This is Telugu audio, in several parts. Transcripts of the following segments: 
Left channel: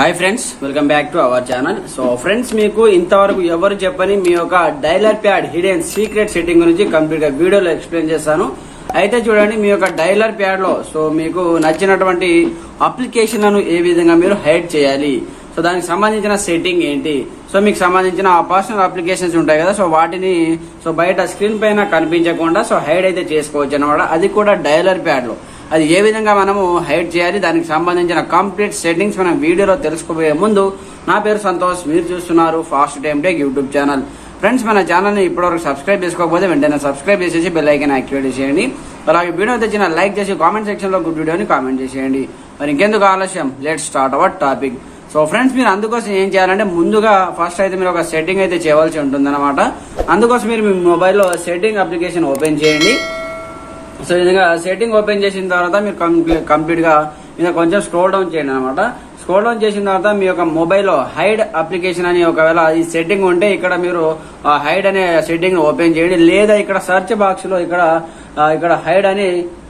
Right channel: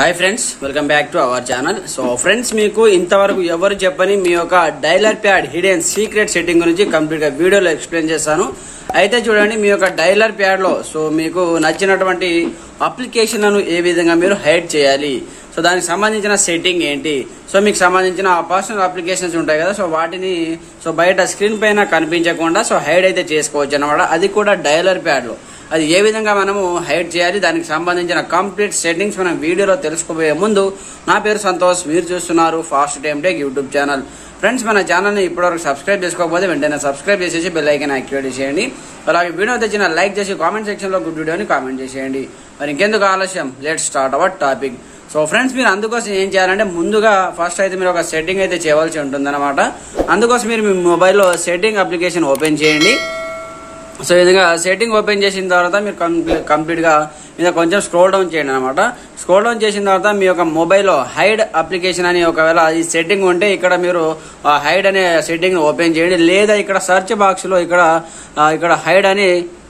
Hi friends, welcome back to our channel. So friends, మీకు ఇంతవరకు ఎవరు చెప్పని మీ యొక్క dialler pad hidden secret setting గురించి కంప్లీట్ గా వీడియోలో ఎక్స్ప్లెయిన్ చేస్తాను. అయితే చూడండి, మీ యొక్క డైలర్ ప్యాడ్ లో సో మీకు నచ్చినటువంటి అప్లికేషన్లను ఏ విధంగా మీరు హైడ్ చేయాలి, సో దానికి సంబంధించిన సెట్టింగ్ ఏంటి, సో మీకు సంబంధించిన పర్సనల్ అప్లికేషన్స్ ఉంటాయి కదా, సో వాటిని సో బయట స్క్రీన్ పైన కనిపించకుండా సో హైడ్ అయితే చేసుకోవచ్చు అన్నమాట. అది కూడా డైలర్ ప్యాడ్ లో అది ఏ విధంగా మనము హైడ్ చేయాలి, దానికి సంబంధించిన కంప్లీట్ సెట్టింగ్స్ మనం వీడియోలో తెలుసుకోబోయే ముందు, నా పేరు సంతోష్, మీరు చూస్తున్నారు fast time tech YouTube channel. Friends, మన ఛానల్ ని ఇప్పటివరకు సబ్స్క్రైబ్ చేసుకోకపోతే వెంటనే సబ్స్క్రైబ్ చేసేసి బెల్ ఐకాన్ యాక్టివేట్ చేయండి. అలాగే వీడియో తెచ్చిన లైక్ చేసి కామెంట్ సెక్షన్ లో గుడ్ వీడియోని కామెంట్ చేసేయండి. మరి ఇంకెందుకు ఆలస్యం, let's start our topic. So friends, మీరు అందుకోసం ఏం చేయాలంటే ముందుగా ఫస్ట్ అయితే మీరు ఒక సెట్టింగ్ అయితే చేయవలసి ఉంటుందన్నమాట. అందుకోసం మీరు మీ మొబైల్లో సెట్టింగ్ అప్లికేషన్ ఓపెన్ చేయండి. సో ఈ విధంగా సెట్టింగ్ ఓపెన్ చేసిన తర్వాత మీరు కంప్లీట్ గా మీద కొంచెం స్క్రోల్ డౌన్ చేయండి అనమాట. స్క్రోల్ డౌన్ చేసిన తర్వాత మీ యొక్క మొబైల్లో హైడ్ అప్లికేషన్ అని ఒకవేళ ఈ సెట్టింగ్ ఉంటే ఇక్కడ మీరు హైడ్ అనే సెట్టింగ్ ఓపెన్ చేయండి. లేదా ఇక్కడ సర్చ్ బాక్స్ లో ఇక్కడ హైడ్ అని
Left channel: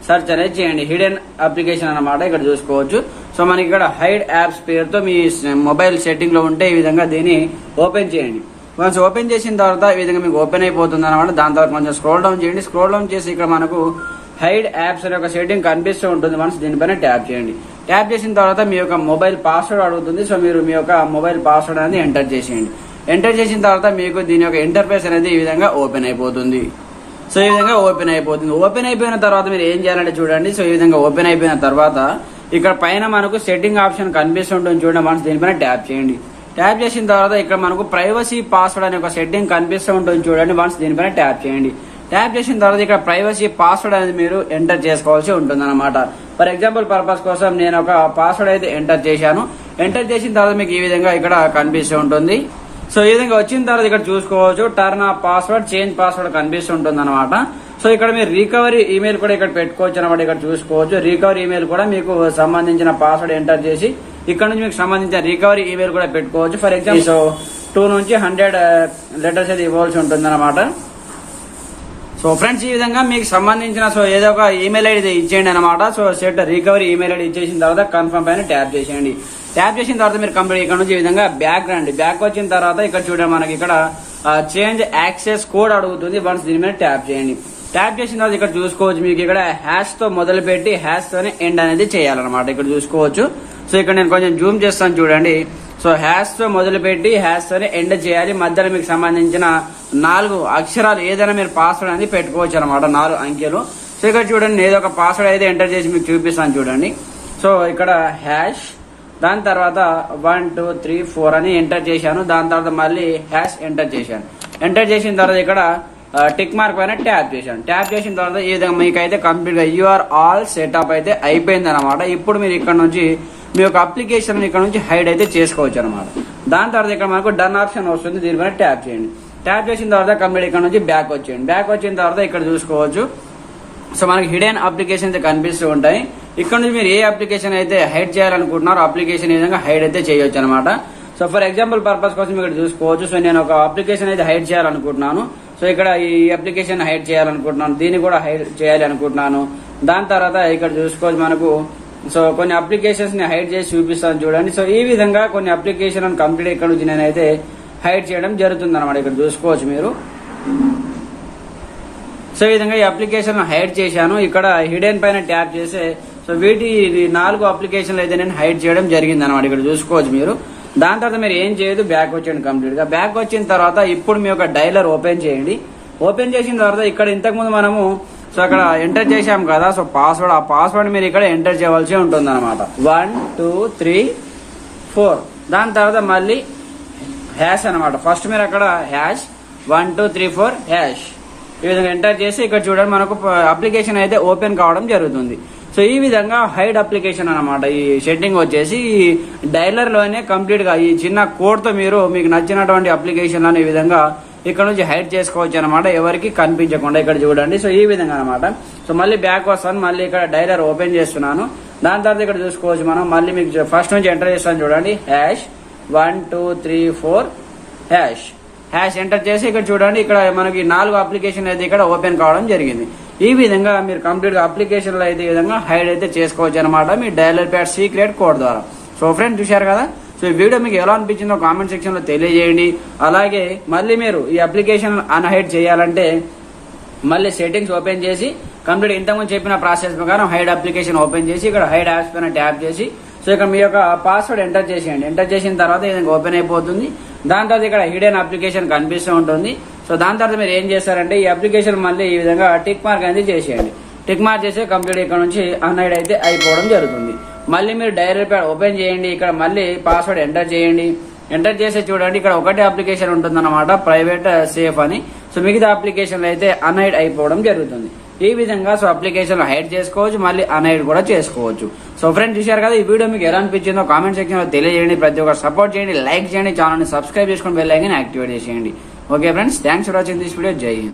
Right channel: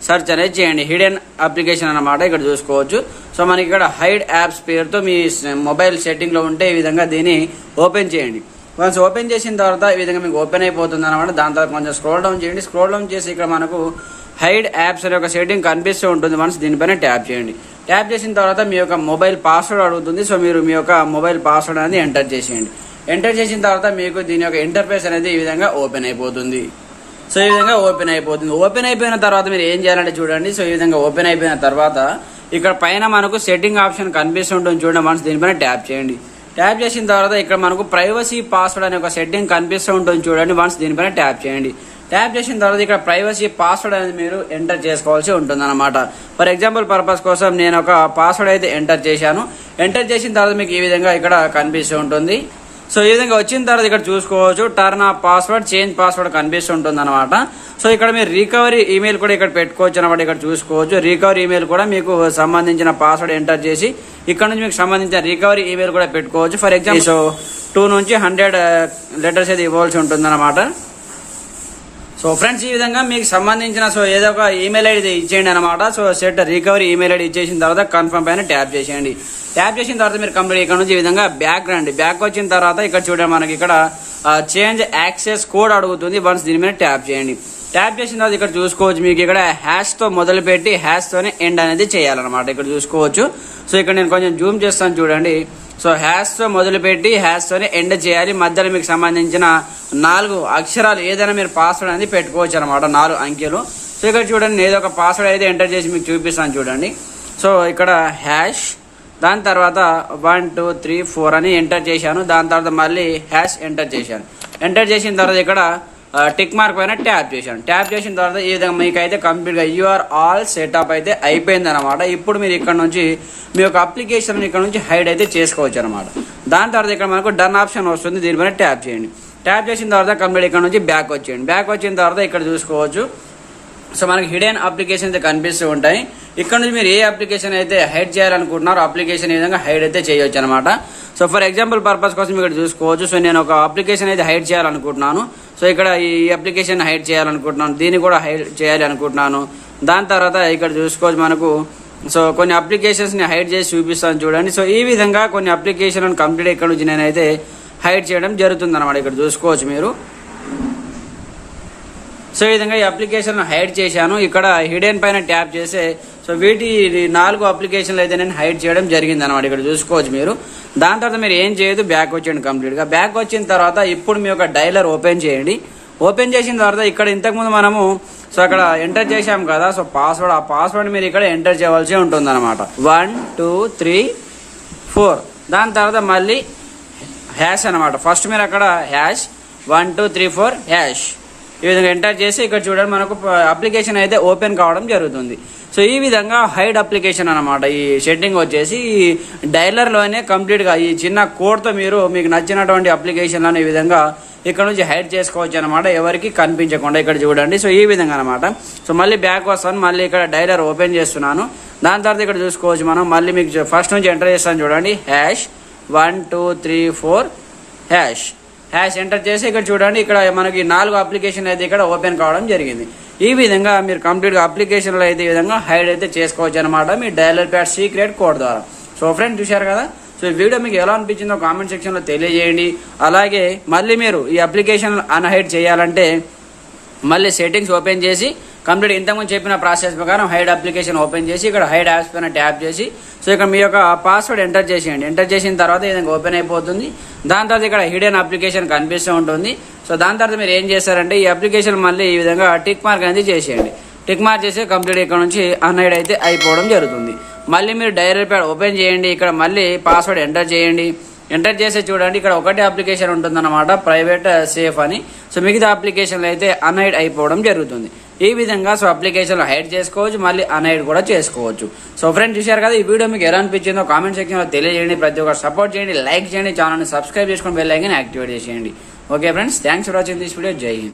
సర్చ్ అనేది చేయండి. హిడెన్ అప్లికేషన్ అన్నమాట, ఇక్కడ చూసుకోవచ్చు. సో మనకి ఇక్కడ హైడ్ యాప్స్ పేరుతో మీ మొబైల్ సెట్టింగ్ లో ఉంటే ఈ విధంగా దీన్ని ఓపెన్ చేయండి. వన్స్ ఓపెన్ చేసిన తర్వాత ఈ విధంగా మీకు ఓపెన్ అయిపోతుంది అనమాట. దాని తర్వాత కొంచెం స్క్రోల్ డౌన్ చేయండి. స్క్రోల్ డౌన్ చేసి ఇక్కడ మనకు హైడ్ యాప్స్ అనే ఒక సెట్టింగ్ కనిపిస్తూ ఉంటుంది. వన్స్ దీనిపైన ట్యాప్ చేయండి. ట్యాప్ చేసిన తర్వాత మీ యొక్క మొబైల్ పాస్వర్డ్ అడుగుతుంది. సో మీరు మీ యొక్క మొబైల్ పాస్వర్డ్ అనేది ఎంటర్ చేసేయండి. ఎంటర్ చేసిన తర్వాత మీకు దీని యొక్క ఇంటర్ఫేస్ అనేది ఈ విధంగా ఓపెన్ అయిపోతుంది. సో ఈ విధంగా ఓపెన్ అయిపోతుంది. ఓపెన్ అయిపోయిన తర్వాత మీరు ఏం చేయాలంటే చూడండి. సో ఈ విధంగా ఓపెన్ అయిపోయిన తర్వాత ఇక్కడ పైన మనకు సెట్టింగ్ ఆప్షన్ కనిపిస్తుంటుంది చూడండి. వన్స్ దీనిపైన ట్యాప్ చేయండి. ట్యాప్ చేసిన తర్వాత ఇక్కడ మనకు ప్రైవసీ పాస్వర్డ్ అనే ఒక సెట్టింగ్ కనిపిస్తూ ఉంటుంది చూడండి. వన్స్ దీనిపైన ట్యాప్ చేయండి. ట్యాప్ చేసిన తర్వాత ఇక్కడ ప్రైవసీ పాస్వర్డ్ అనేది మీరు ఎంటర్ చేసుకోవాల్సి ఉంటుంది అనమాట. ఫర్ ఎగ్జాంపుల్ పర్పస్ కోసం నేను ఒక పాస్వర్డ్ అయితే ఎంటర్ చేశాను. ఎంటర్ చేసిన తర్వాత మీకు ఈ విధంగా ఇక్కడ కనిపిస్తూ ఉంటుంది. సో ఈ విధంగా వచ్చిన తర్వాత ఇక్కడ చూసుకోవచ్చు turn off password, change password కనిపిస్తుంటుంది అనమాట. సో ఇక్కడ మీరు రికవరీ ఈమెయిల్ కూడా ఇక్కడ పెట్టుకోవచ్చు అనమాట. ఇక్కడ చూసుకోవచ్చు రికవరీ ఈమెయిల్ కూడా మీకు సంబంధించిన పాస్వర్డ్ ఎంటర్ చేసి ఇక్కడ నుంచి మీకు సంబంధించిన రికవరీ ఈమెయిల్ కూడా పెట్టుకోవచ్చు. ఫర్ ఎగ్జాంపుల్ సో 2 నుంచి 100 లెటర్స్ అయితే ఇవ్వాల్సి ఉంటుంది అనమాట. సో ఫ్రెండ్స్, ఈ విధంగా మీకు సంబంధించిన సో ఏదో ఒక ఈమెయిల్ ఐడి ఇచ్చేయండి అనమాట. So set recovery email ID ఇచ్చేసిన తర్వాత కన్ఫర్మ్ పైన ట్యాప్ చేసేయండి. ట్యాప్ చేసిన తర్వాత మీరు కంప్లీట్ ఇక్కడ నుంచి ఈ విధంగా బ్యాక్ రండి. బ్యాక్ వచ్చిన తర్వాత ఇక్కడ చూడండి, మనకి ఇక్కడ చేంజ్ యాక్సెస్ కోడ్ అడుగుతుంది. వన్స్ దీని మీద ట్యాప్ చేయండి. ట్యాప్ చేసిన తర్వాత ఇక్కడ చూసుకోవచ్చు మీకు ఇక్కడ హ్యాష్ తో మొదలు పెట్టి హ్యాష్ తోనే ఎండ్ అనేది చేయాలన్నమాట. ఇక్కడ చూసుకోవచ్చు. సో ఇక్కడ నేను కొంచెం జూమ్ చేస్తాను చూడండి. సో హ్యాష్ తో మొదలు పెట్టి హ్యాష్ తోనే ఎండ్ చేయాలి. మధ్యలో మీకు సంబంధించిన 4 అక్షరాలు ఏదైనా మీరు పాస్వర్డ్ అనేది పెట్టుకోవచ్చు అనమాట, 4 అంకెలు. సో ఇక్కడ చూడండి, నేను ఏదో ఒక పాస్వర్డ్ అయితే ఎంటర్ చేసి మీకు చూపిస్తాను చూడండి. సో ఇక్కడ హ్యాష్, దాని తర్వాత 1 2 3 4 అని ఎంటర్ చేశాను. దాని తర్వాత మళ్ళీ హ్యాష్ ఎంటర్ చేశాను. ఎంటర్ చేసిన తర్వాత ఇక్కడ టిక్ మార్క్ పైన ట్యాప్ చేశాను. ట్యాప్ చేసిన తర్వాత ఈ విధంగా మీకైతే కంప్లీట్ గా యూఆర్ ఆల్ సెటప్ అయితే అయిపోయింది అనమాట. ఇప్పుడు మీరు ఇక్కడ నుంచి మీ యొక్క అప్లికేషన్ ఇక్కడ నుంచి హైడ్ అయితే చేసుకోవచ్చు అనమాట. దాని తర్వాత ఇక్కడ మనకు డన్ ఆప్షన్ వస్తుంది. దీనిపైన ట్యాప్ చేయండి. ట్యాప్ చేసిన తర్వాత కంప్లీట్ ఇక్కడ నుంచి బ్యాక్ వచ్చేయండి. బ్యాక్ వచ్చిన తర్వాత ఇక్కడ చూసుకోవచ్చు. సో మనకి హిడెన్ అప్లికేషన్ అయితే కనిపిస్తూ ఉంటాయి. ఇక్కడ నుంచి మీరు ఏ అప్లికేషన్ అయితే హైడ్ చేయాలనుకుంటున్నారో అప్లికేషన్ ఈ విధంగా హైడ్ అయితే చేయొచ్చు అనమాట. సో ఫర్ ఎగ్జాంపుల్ పర్పస్ కోసం ఇక్కడ చూసుకోవచ్చు. సో నేను ఒక అప్లికేషన్ అయితే హైడ్ చేయాలనుకుంటున్నాను. సో ఇక్కడ ఈ అప్లికేషన్ హైడ్ చేయాలనుకుంటున్నాను, దీన్ని కూడా హైడ్ చేయాలి అనుకుంటున్నాను. దాని తర్వాత ఇక్కడ చూసుకోవచ్చు మనకు సో కొన్ని అప్లికేషన్స్ ని హైడ్ చేసి చూపిస్తాను చూడండి. సో ఈ విధంగా కొన్ని అప్లికేషన్ కంప్లీట్ ఇక్కడ నుంచి నేనైతే హైడ్ చేయడం జరుగుతుంది అనమాట. ఇక్కడ చూసుకోవచ్చు మీరు. సో ఈ విధంగా ఈ అప్లికేషన్ హైడ్ చేశాను. ఇక్కడ హిడెన్ పైన ట్యాప్ చేసే సో వీటి 4 అప్లికేషన్లు అయితే నేను హైడ్ చేయడం జరిగింది అనమాట. ఇక్కడ చూసుకోవచ్చు మీరు. దాని తర్వాత మీరు ఏం చేయదు, బ్యాక్ వచ్చేయండి. కంప్లీట్ గా బ్యాక్ వచ్చిన తర్వాత ఇప్పుడు మీ యొక్క డైలర్ ఓపెన్ చేయండి. ఓపెన్ చేసిన తర్వాత ఇక్కడ ఇంతకుముందు మనము సో అక్కడ ఎంటర్ చేశాం కదా, సో పాస్వర్డ్, ఆ పాస్వర్డ్ మీరు ఇక్కడ ఎంటర్ చేయవలసి ఉంటుంది అనమాట. 1 2 3 4. దాని తర్వాత మళ్ళీ హ్యాష్ అనమాట. ఫస్ట్ మీరు అక్కడ హ్యాష్ 1 2 3 4 హ్యాష్ ఈ విధంగా ఎంటర్ చేసి ఇక్కడ చూడండి మనకు అప్లికేషన్ అయితే ఓపెన్ కావడం జరుగుతుంది. సో ఈ విధంగా హైడ్ అప్లికేషన్ అనమాట. ఈ సెట్టింగ్ వచ్చేసి డైలర్ లోనే కంప్లీట్ గా ఈ చిన్న కోడ్ తో మీరు మీకు నచ్చినటువంటి అప్లికేషన్ ఈ విధంగా ఇక్కడ నుంచి హైడ్ చేసుకోవచ్చు అనమాట, ఎవరికి కనిపించకుండా. ఇక్కడ చూడండి. సో ఈ విధంగా అనమాట. సో మళ్ళీ బ్యాక్ వస్తాను. మళ్ళీ ఇక్కడ డైలర్ ఓపెన్ చేస్తున్నాను. దాని తర్వాత ఇక్కడ చూసుకోవచ్చు మనం. మళ్ళీ మీకు ఫస్ట్ నుంచి ఎంటర్ చేస్తాను చూడండి. హ్యాష్ 1 2 3 4 హ్యాష్ హ్యాష్ ఎంటర్ చేసి ఇక్కడ చూడండి, ఇక్కడ మనకి 4 అప్లికేషన్ అయితే ఇక్కడ ఓపెన్ కావడం జరిగింది. ఈ విధంగా మీరు కంప్లీట్ గా అప్లికేషన్లు అయితే ఈ విధంగా హైడ్ అయితే చేసుకోవచ్చు అనమాట మీ డైలర్ ప్యాడ్ సీక్రెట్ కోడ్ ద్వారా. సో ఫ్రెండ్స్ చూశారు కదా. సో ఈ వీడియో మీకు ఎలా అనిపించిందో కామెంట్ సెక్షన్ లో తెలియజేయండి. అలాగే మళ్ళీ మీరు ఈ అప్లికేషన్ అన్హైడ్ చేయాలంటే మళ్ళీ సెట్టింగ్స్ ఓపెన్ చేసి కంప్లీట్ ఇంతకుముందు చెప్పిన ప్రాసెస్ ప్రకారం హైడ్ అప్లికేషన్ ఓపెన్ చేసి ఇక్కడ హైడ్ యాప్స్ పైన ట్యాప్ చేసి సో ఇక్కడ మీ యొక్క పాస్వర్డ్ ఎంటర్ చేసేయండి. ఎంటర్ చేసిన తర్వాత ఇది ఓపెన్ అయిపోతుంది. దాని తర్వాత ఇక్కడ హిడెన్ అప్లికేషన్ కనిపిస్తూ ఉంటుంది. సో దాని తర్వాత మీరు ఏం చేస్తారంటే ఈ అప్లికేషన్ మళ్ళీ ఈ విధంగా టిక్ మార్క్ అనేది చేసేయండి. టిక్ మార్క్ చేసి కంప్లీట్ ఇక్కడ నుంచి అన్హైడ్ అయితే అయిపోవడం జరుగుతుంది. మళ్ళీ మీరు డైలర్ ప్యాడ్ ఓపెన్ చేయండి. ఇక్కడ మళ్ళీ పాస్వర్డ్ ఎంటర్ చేయండి. ఎంటర్ చేసి చూడండి ఇక్కడ ఒకటే అప్లికేషన్ ఉంటుందన్నమాట, ప్రైవేట్ సేఫ్ అని. సో మిగతా అప్లికేషన్లు అయితే అన్హైడ్ అయిపోవడం జరుగుతుంది. ఈ విధంగా సో అప్లికేషన్ హైడ్ చేసుకోవచ్చు, మళ్ళీ అన్హైడ్ కూడా చేసుకోవచ్చు. సో ఫ్రెండ్స్ చూశారు కదా, ఈ వీడియో మీకు ఎలా అనిపించిందో కామెంట్ సెక్షన్ లో తెలియజేయండి. ప్రతి ఒక్కరు సపోర్ట్ చేయండి, లైక్ చేయండి, ఛానల్ ని సబ్స్క్రైబ్ చేసుకొని బెల్ ఐకాన్ యాక్టివేట్ చేసేయండి. Okay friends, thanks for watching this video. జై హింద్.